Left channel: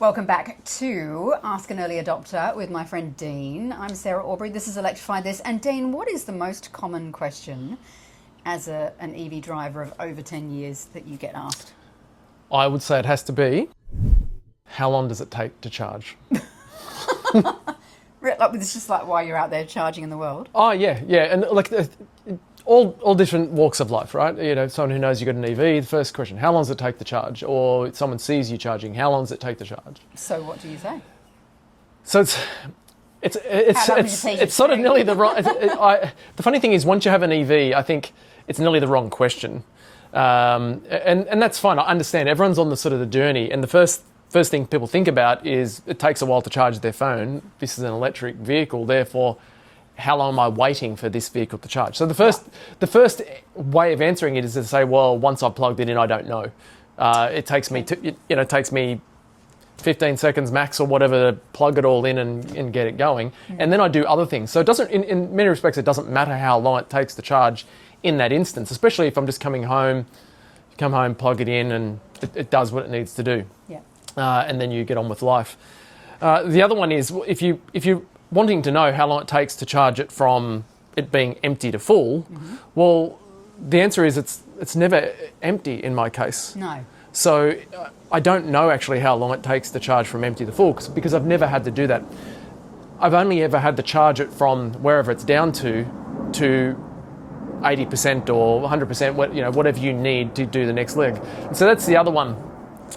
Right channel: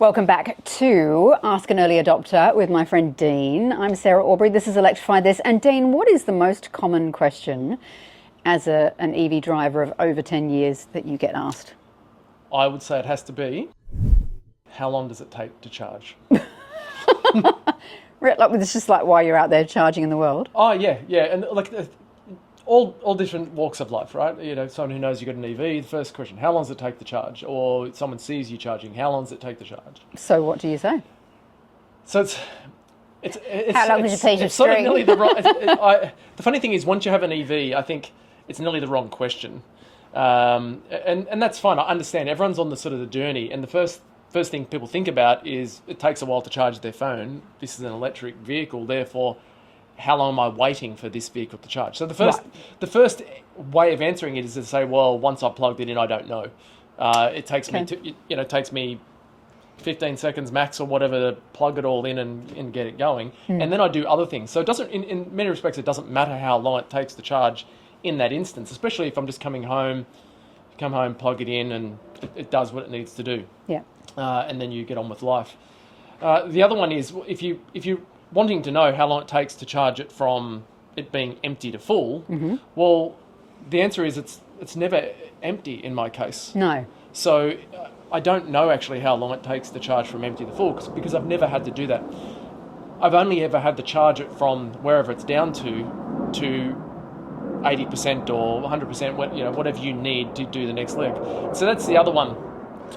Welcome back to Ask an Early Adopter with my friend Dean. I'm Sarah Aubrey. This is Electrify This. And Dean, what is the most common question as an EV driver of over 10 years that you get asked? I would say it has to be, how long does it take to charge? It's just like why you're out there charging in the world. Oh, yeah. And like all different walks of life, right? You know, someone who knows you've got an EV, the first question, how long does it take to charge? Or someone sees you charging, how long does it take to charge? So what do you say? So it's sort of string? nearly the right... the funny thing is, once you have an EV, I think it's nearly the wrong question. And that's fine. I understand. Everyone's on the sort of the journey. And the first thing people think about is it takes a while to charge their phone. This is an electric vehicle, therefore, how long am I waiting for this vehicle to charge? So the first way of answering it is to say, well, once I've plugged it in, I don't know. It takes me it takes me 15 seconds max or whatever to plug it all in and get it going. And then I do other things. So it doesn't, in many respects, it doesn't matter how long it takes to charge in that instance, especially if I'm just come home, plug it in, and it does what it needs to do. Yeah. And then you get on with life. The other one is if you're wanting to know how long it takes to charge it from it being empty to full, well, the answer is it's never empty in my case. No. So I don't know actually how long it takes to charge from empty to full because I've never had to do that. I've only ever had to charge it from wherever it's down to 80% or 100%, whatever you need to do the next leg. And so that's the other one.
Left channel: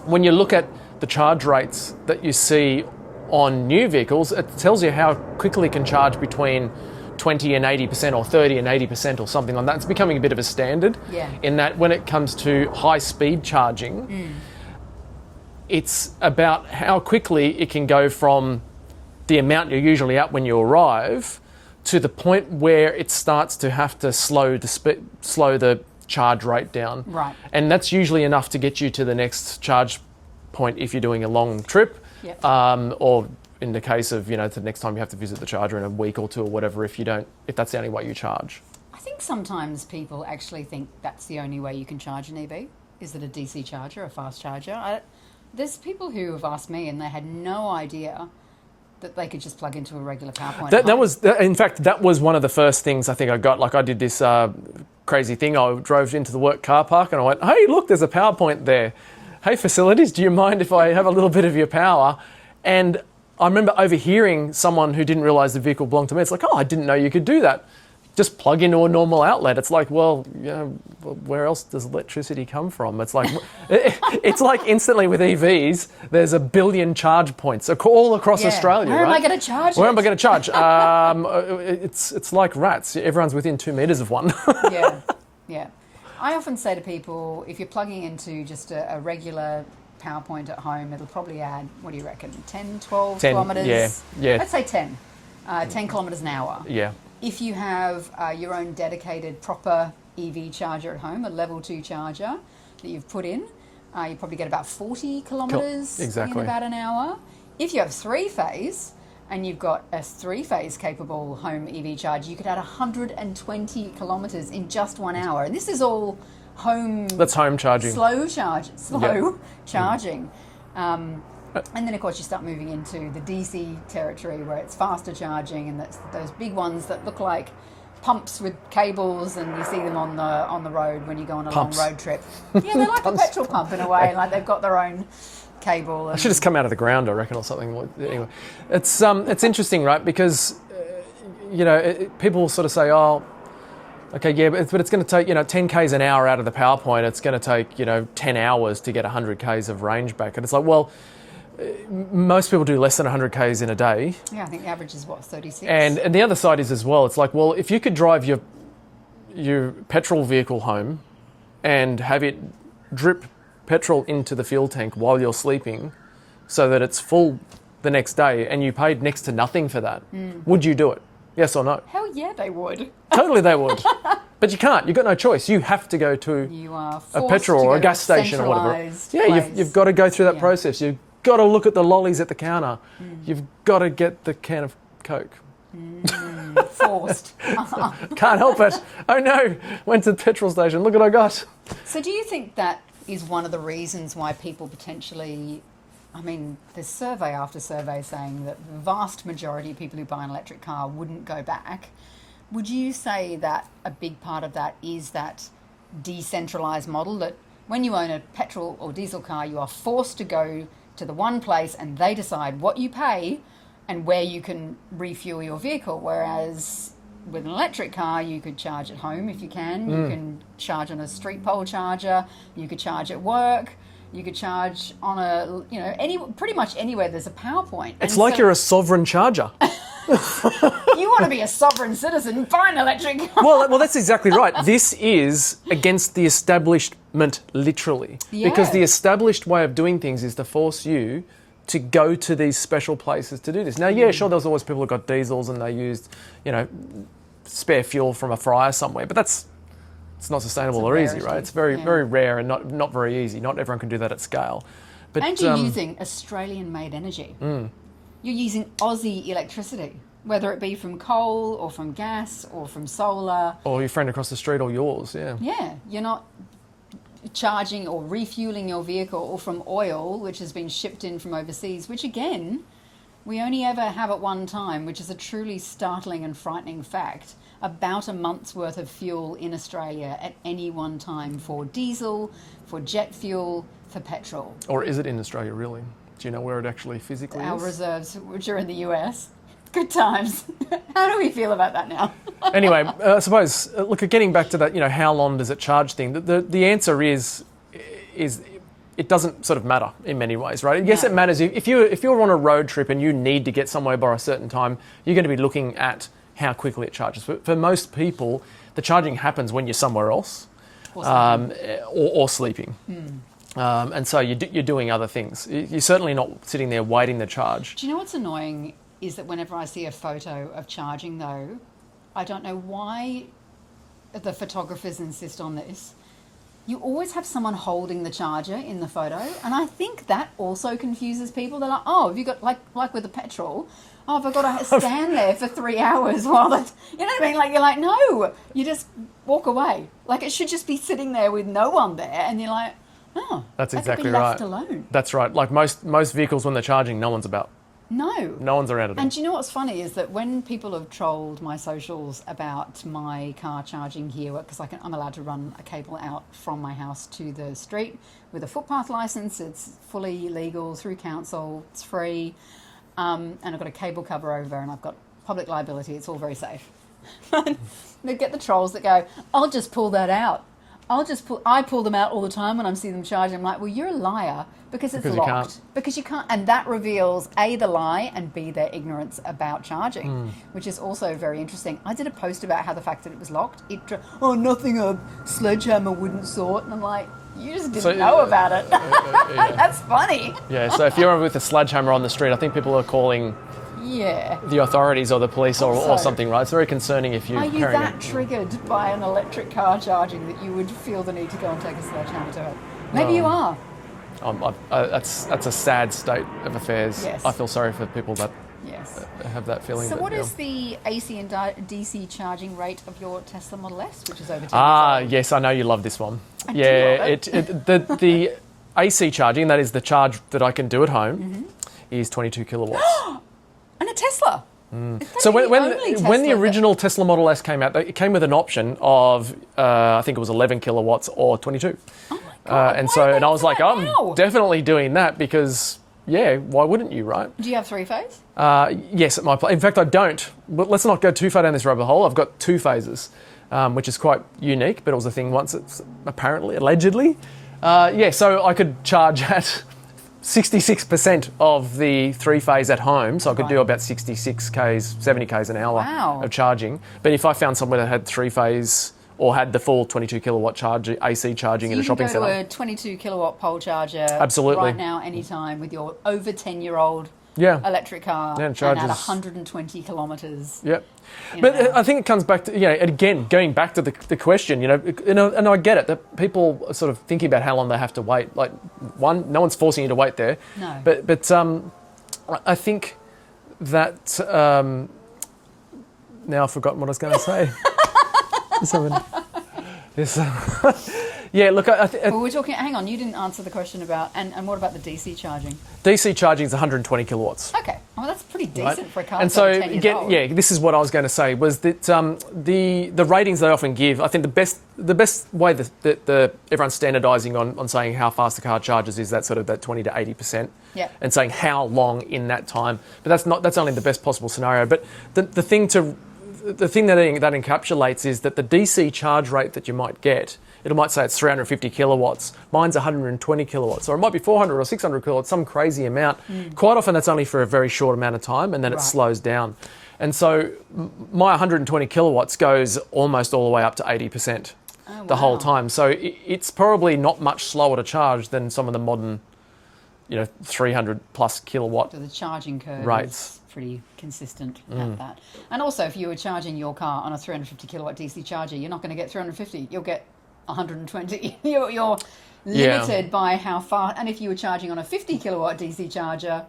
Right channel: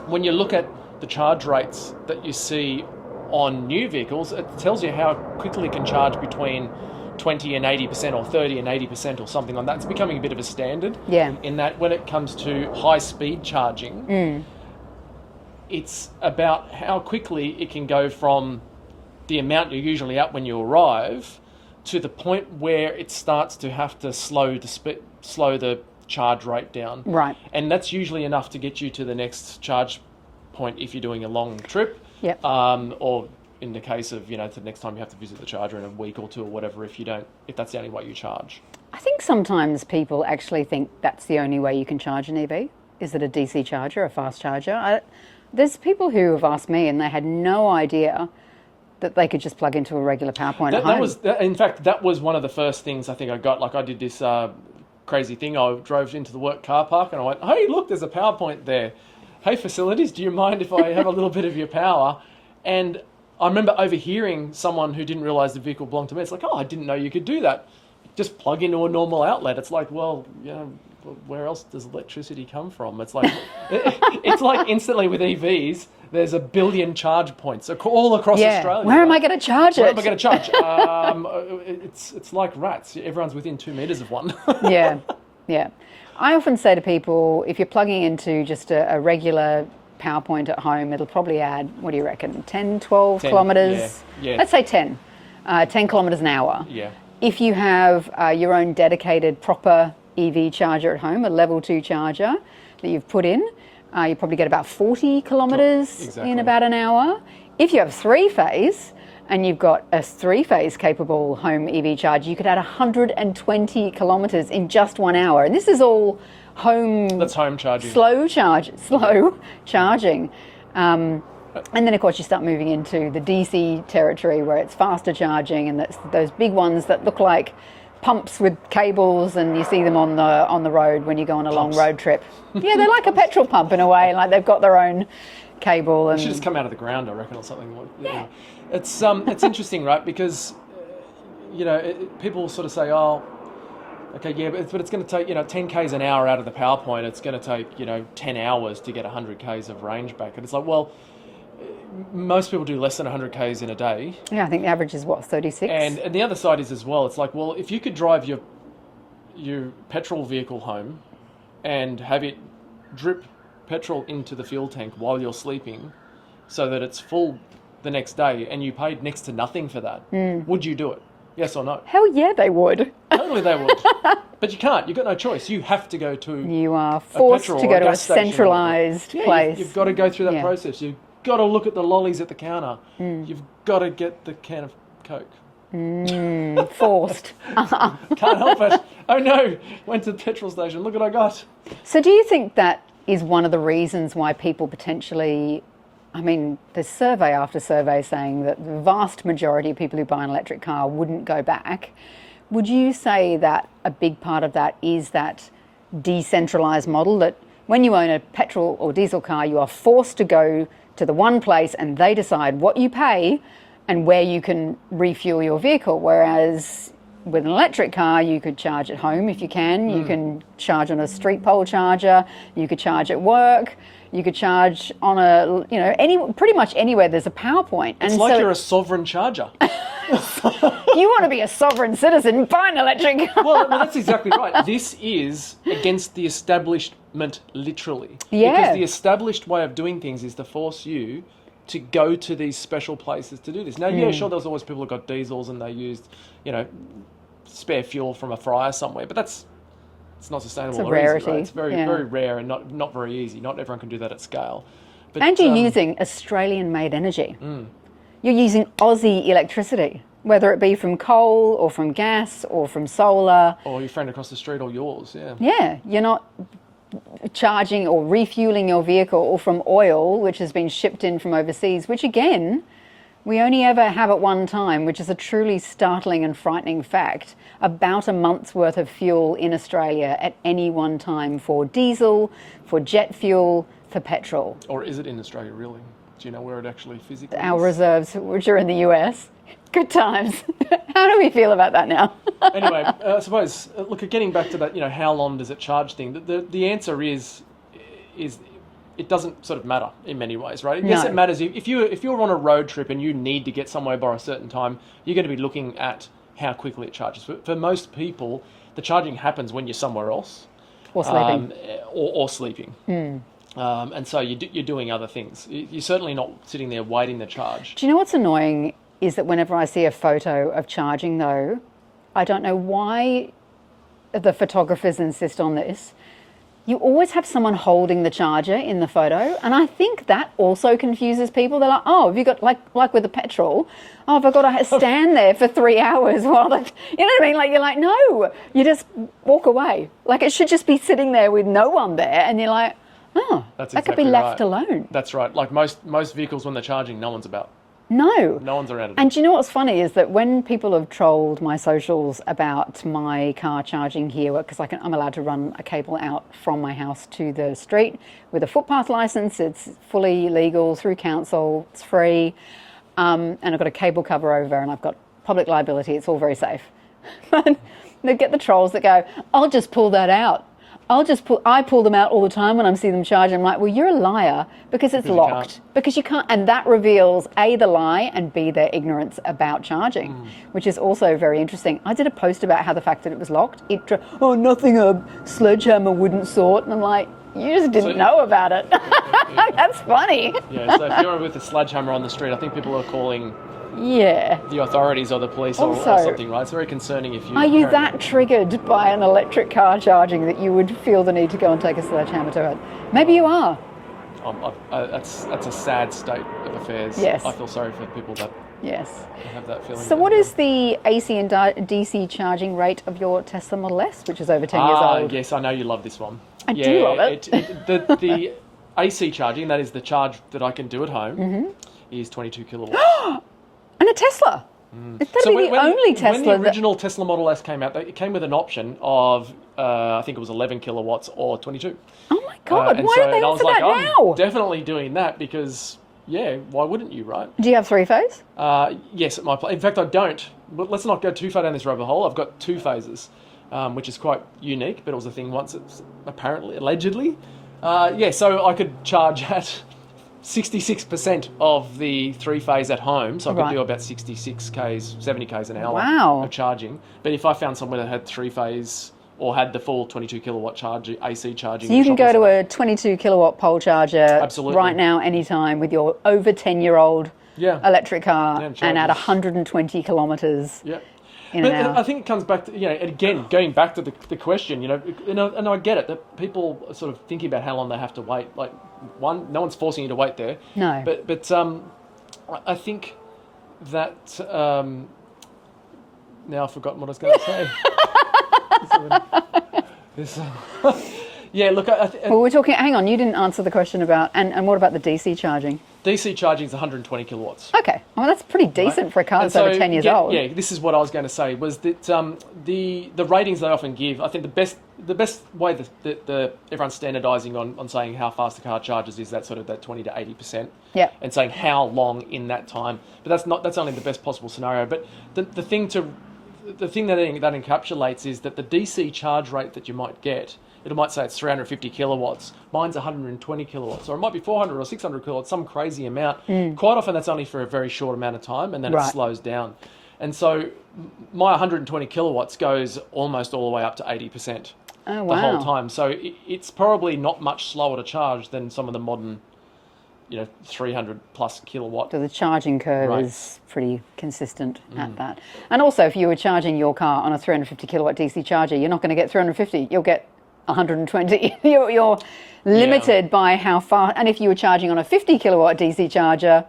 When you look at the charge rates that you see on new vehicles, it tells you how quickly it can charge between 20 and 80% or 30 and 80% or something like that. It's becoming a bit of a standard. Yeah. In that when it comes to high speed charging, it's about how quickly it can go from the amount you're usually at when you arrive to the point where it starts to have to slow the charge rate down. Right. And that's usually enough to get you to the next charge point if you're doing a long trip. Yep. Or in the case of, the next time you have to visit the charger in a week or two or whatever, if that's the only way you charge. I think sometimes people actually think that's the only way you can charge an EV. Is it a DC charger, a fast charger? There's people who have asked me and they had no idea that they could just plug into a regular power point at home. That was one of the first things I think I got. Like I did this crazy thing. I drove into the work car park and I went, hey, look, there's a power point there. Hey, facilities, do you mind if I have a little bit of your power? And I remember overhearing someone who didn't realise the vehicle belonged to me. It's like, oh, I didn't know you could do that. Just plug into a normal outlet. It's like, well, where else does electricity come from? It's like, it's like instantly with EVs, there's a billion charge points all across Australia. Where am I going to charge it? Where am I going to charge? It's like rats. Everyone's within 2 metres of one. Yeah. I often say to people, if you're plugging into just a regular power point at home, it'll probably add, what do you reckon, 10, 12 kilometres? Yeah. Let's say 10. 10 kilometres an hour. Yeah. If you have your own dedicated proper EV charger at home, a level 2 charger that you've put in, you probably get about 40 kilometres in about an hour. If you have 3-phase, and you've got a 3-phase capable home EV charger, you could add 120 kilometres in just 1 hour. And this is all home... That's home charging. Slow charging. And then, of course, you start moving into the DC territory where it's faster charging, and that's those big ones that look like pumps with cables, and you see them on the road when you go on a long road trip. Yeah, they're like a petrol pump in a way, like they've got their own cable. And... It should just come out of the ground, I reckon, or something. Yeah. Anyway, it's interesting, right? Because people sort of say, oh, okay, yeah, but it's going to take 10 k's an hour out of the power point. It's going to take 10 hours to get 100 k's of range back, and it's like, well, most people do less than 100 k's in a day. Yeah, I think the average is 36. And the other side is as well. It's like, well, if you could drive your petrol vehicle home and have it drip petrol into the fuel tank while you're sleeping so that it's full the next day and you paid next to nothing for that, would you do it? Yes or no? Hell yeah, they would. Totally they would. But you can't. You've got no choice. You have to go to a petrol to or a gas station. Centralised place. You've got to go through that process. You've got to look at the lollies at the counter. You've got to get the can of Coke. Forced. Can't help it. Oh no, went to the petrol station. Look what I got. So do you think that is one of the reasons why people potentially I mean, there's survey after survey saying that the vast majority of people who buy an electric car wouldn't go back. Would you say that a big part of that is that decentralised model, that when you own a petrol or diesel car, you are forced to go to the one place and they decide what you pay and where you can refuel your vehicle, whereas with an electric car, you could charge at home if you can. You can charge on a street pole charger. You could charge at work. You could charge on pretty much anywhere there's a power point. It's like you're a sovereign charger. You want to be a sovereign citizen, buy an electric car. Well, that's exactly right. This is against the establishment, literally. Yeah. Because the established way of doing things is to force you to go to these special places to do this. Now, yeah, sure, there was always people who got diesels and they used, spare fuel from a fryer somewhere, but it's not sustainable or easy, right? It's very, very rare and not very easy. Not everyone can do that at scale. But, and you're using Australian-made energy. You're using Aussie electricity, whether it be from coal or from gas or from solar. Or your friend across the street or yours, yeah. Yeah, you're not charging or refueling your vehicle or from oil, which has been shipped in from overseas, which again, we only ever have at one time, which is a truly startling and frightening fact, about a month's worth of fuel in Australia at any one time for diesel, for jet fuel, for petrol. Or is it in Australia, really? Do you know where it actually physically Our is? reserves, which are in the US. Good times. How do we feel about that now? Anyway, I suppose, look, getting back to that, how long does it charge thing, the answer is it doesn't sort of matter in many ways, right? No. Yes, it matters. If you're on a road trip and you need to get somewhere by a certain time, you're going to be looking at how quickly it charges. For most people, the charging happens when you're somewhere else. Or sleeping. Or sleeping. And so you're doing other things. You're certainly not sitting there waiting to charge. Do you know what's annoying is that whenever I see a photo of charging, though, I don't know why the photographers insist on this. You always have someone holding the charger in the photo, and I think that also confuses people. They're like, oh, have you got, like with the petrol, oh, have I got to stand there for 3 hours while you know what I mean? Like, you're like, no, you just walk away. Like, it should just be sitting there with no one there, and you're like, oh, That's that exactly could be left right. alone. That's right. Like most vehicles, when they're charging, no one's about. No. No one's around it. And do you know what's funny is that when people have trolled my socials about my car charging here, because I'm allowed to run a cable out from my house to the street with a footpath license, it's fully legal through council, it's free, and I've got a cable cover over and I've got public liability, it's all very safe. They get the trolls that go, I'll just pull that out. I pull them out all the time when I see them charging. I'm like, well, you're a liar because it's locked. Because you can't. And that reveals A, the lie, and B, their ignorance about charging, which is also very interesting. I did a post about how the fact that it was locked, nothing a sledgehammer wouldn't sort. And I'm like, you just didn't know about it. That's funny. Yeah, so if you're with a sledgehammer on the street, I think people are calling the authorities or the police or something, right? It's very concerning if you... Are you that triggered by an electric car charging that you would feel the need to go and take a sledgehammer to it? Maybe you are. That's a sad state of affairs. Yes. I feel sorry for people that have that feeling. So what is the AC and DC charging rate of your Tesla Model S, which is over 10 years old? Yes, I know you love this one. I do love it. The AC charging, that is the charge that I can do at home, is 22 kilowatts. And a Tesla. It's So when the original Tesla Model S came out, it came with an option of, I think it was 11 kilowatts or 22. Oh my God, and why so are they and I was for like, that I'm now? definitely doing that because, why wouldn't you, right? Do you have three-phase? Yes, at my place. In fact, I don't. But let's not go too far down this rabbit hole. I've got two phases, which is quite unique, but it was a thing once. It's allegedly. So I could charge at 66% of the three-phase at home, so I could do about 66 Ks, 70 Ks an hour of charging. But if I found somewhere that had three-phase or had the full 22 kilowatt AC charging in a shopping centre. You can go to a 22 kilowatt pole charger right now, anytime, with your over 10-year-old electric car and at 120 kilometres. Yep. But I think it comes back to, again, going back to the question, and I get it, that people are sort of thinking about how long they have to wait. Like, one, no one's forcing you to wait there. No. But I think that, now I've forgotten what I was going to say. Yeah, look, Well, we're talking. Hang on, you didn't answer the question about. And what about the DC charging? DC charging is 120 kilowatts. Okay, well that's pretty decent for a car And that's over 10 years old. Yeah, this is what I was going to say, was that the ratings they often give, I think the best way that everyone's standardising on saying how fast the car charges is that sort of that 20 to 80%. Yeah. And saying how long in that time. But that's only the best possible scenario. But the thing that encapsulates is that the DC charge rate that you might get, it might say it's 350 kilowatts. Mine's 120 kilowatts, or it might be 400 or 600 kilowatts, some crazy amount. Quite often that's only for a very short amount of time, and then it slows down. And so my 120 kilowatts goes almost all the way up to 80% the whole time. So it's probably not much slower to charge than some of the modern, 300 plus kilowatt. So the charging curve is pretty consistent at that. And also, if you were charging your car on a 350 kilowatt DC charger, you're not going to get 350. You'll get 120. You're limited by how far. And if you were charging on a 50 kilowatt DC charger,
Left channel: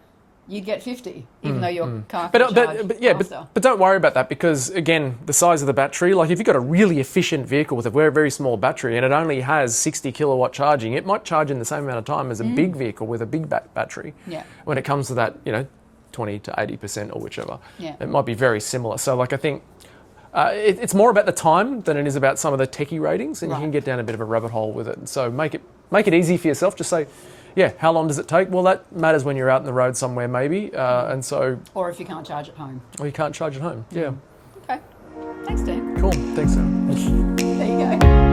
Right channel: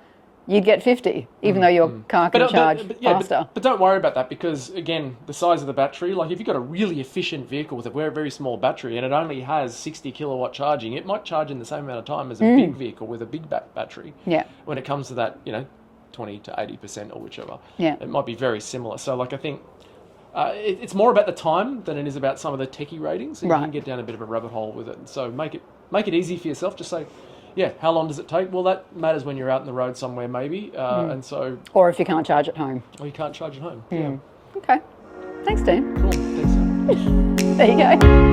you'd get 50, even though your car can charge faster. But don't worry about that, because, again, the size of the battery, like if you've got a really efficient vehicle with a very, very small battery and it only has 60 kilowatt charging, it might charge in the same amount of time as a big vehicle with a big battery. Yeah. When it comes to that, 20 to 80% or whichever. Yeah. It might be very similar. So, I think it's more about the time than it is about some of the techie ratings, and you can get down a bit of a rabbit hole with it. And so make it easy for yourself. Just say, yeah, how long does it take? Well, that matters when you're out in the road somewhere, maybe. And so, or if you can't charge at home. Or you can't charge at home. Yeah. Okay. Thanks, Dean. Cool. Thanks. There you go.